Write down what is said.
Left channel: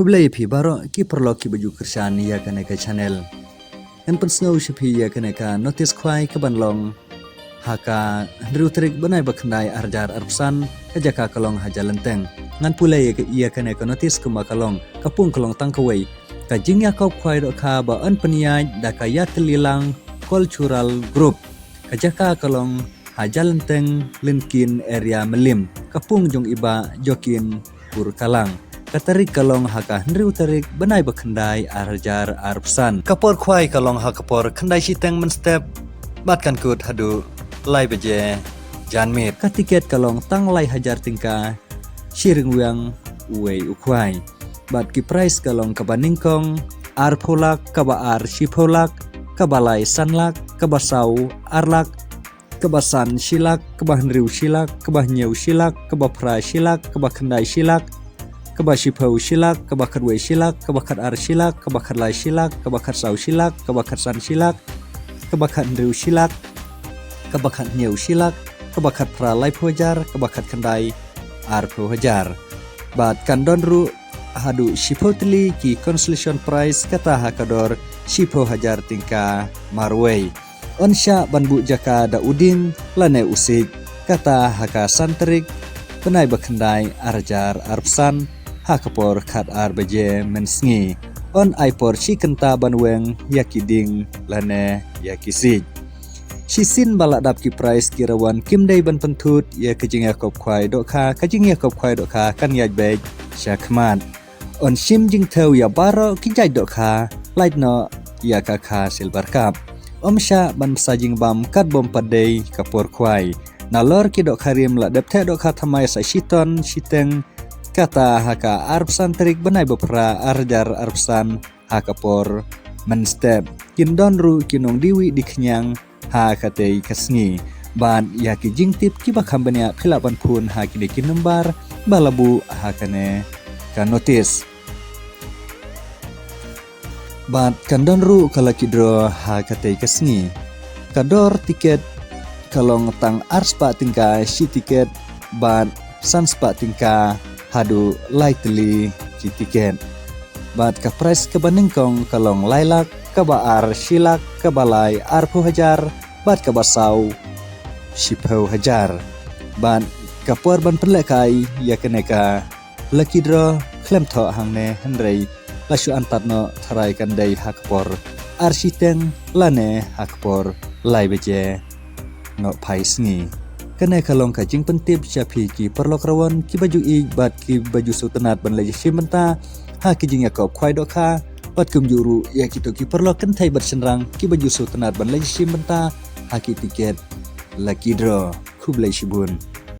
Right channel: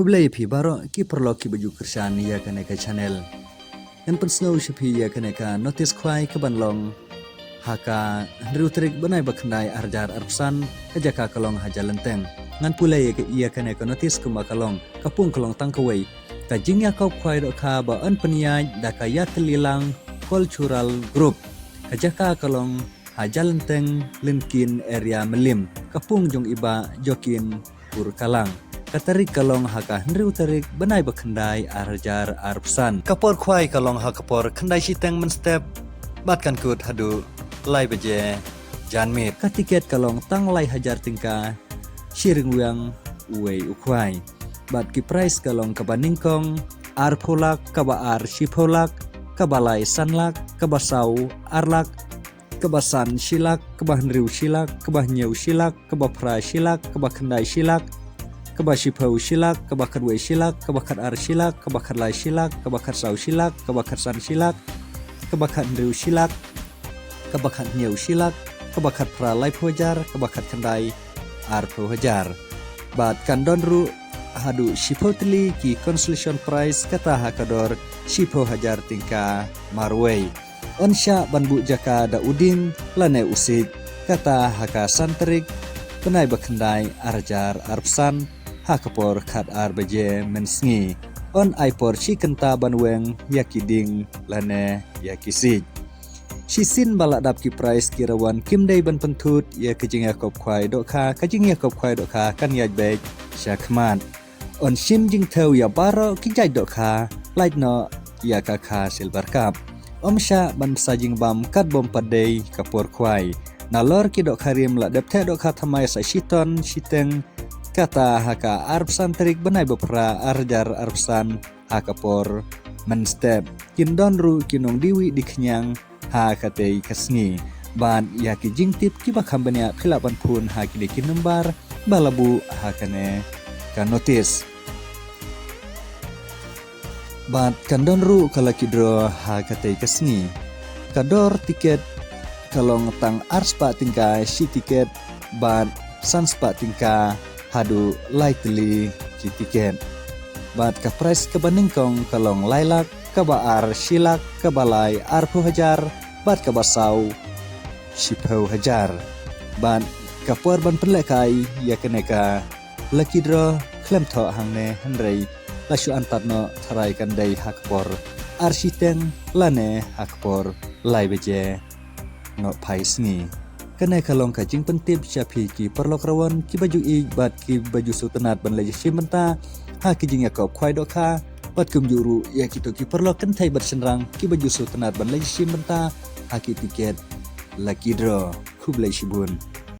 Kublai phi baro ki perlo ki baju kersan ya kene ka channel. En pensno shiphi ya kene ka notice khwai ka banlong haka rutrik banai bakhnai arjar arpsan ka jaka kalong hajalenteng. Ngan pulai ya kene ka notice kuma kalong kapung kalong tangkawai. Ka jingya kau khwai ro kha ba an peniai da ka ya telilang cultural group. Ka jaka kalong hajalenteng linkin area melim. Kapung jong iba jokin Purkalang. Katarik kalong haka hendriu tarik benai bakhendai arjar arpsan. Kapor khwai kalong hakapor khendai siteng menstep batkan kut hadu lai beje janmit. Katiket kalong tang lai hajar tingka shiring wiang uwei ukhwai. Bat ki price kalong kabaningkong ar pholak kaba ar shipholak kabalai sanlak kabasau arlak kebasan silak kebah hendriu silak kebah nyeu silak kebah pra silak kebah khendai silak Kabashipau silak, kabakar wei silak, kabakar ar silak, kabakar lai silak, kabakar sau silak, kabakar san silak, kabakar ndriu silak, kabakar nyeu silak, kabakar pra lai phujar, kabakar kandai ar phujar. Bat kandon ru hadu shipotli ki consolation prize kata hakador shipo hajar tingka marwei. Onsha banbu jaka da uding lane usik kata haka santrik penai bakhendai arjar arpsan hakapor khat ar beje mensngi on aipor chikenta banweng yakiding lane yakisik sisin baladap ki price kirawan kimdei ban pentut ya kejinga kop khwai dokha kajingya kop khwai dokha kan yaj bek syakmat on sim jing thau ya baro ki jaj dokha laitno ya kakha silver cup omsha ban sajing bam kat bom padei kapor khwai nalor ki dokharim la dapthe dokha thamai sa shiton shiteng kata haka arpsan terik benai bepra arjar arpsan hakapor menstep kindon ru kinong diwi diknyang hakatei kasngi ban yaki jingtip kiba kambenya khilapan phun haki dikin nembar balabu hakane kan notice ban kandon ru kalakidro hakatei kasngi kador tiket kalong tang arspa tingka si tiket ban sanspa tingka hadu likely ki tiket bat ka price ka baningkong kalong lailak kabaar silak kabalai arpu hajar bat ka basau shipho hajar ban kapuar ban perlekai ya keneka lucky draw klem tho hangne handrei lasu antatno tharai kan dei hakpor arsiteng lane hakpor lai beje no paisngi kene kalong ka jing pentip chapi ki perlok rawan ki baju i bat ki baju sutenat ban leje simenta ha ki jing yakop khwai dokha bat kum juru ya kitu ki perlok kentai bersenrang ki baju sutenat ban leje simenta ha ki tiket lucky draw kublai shibun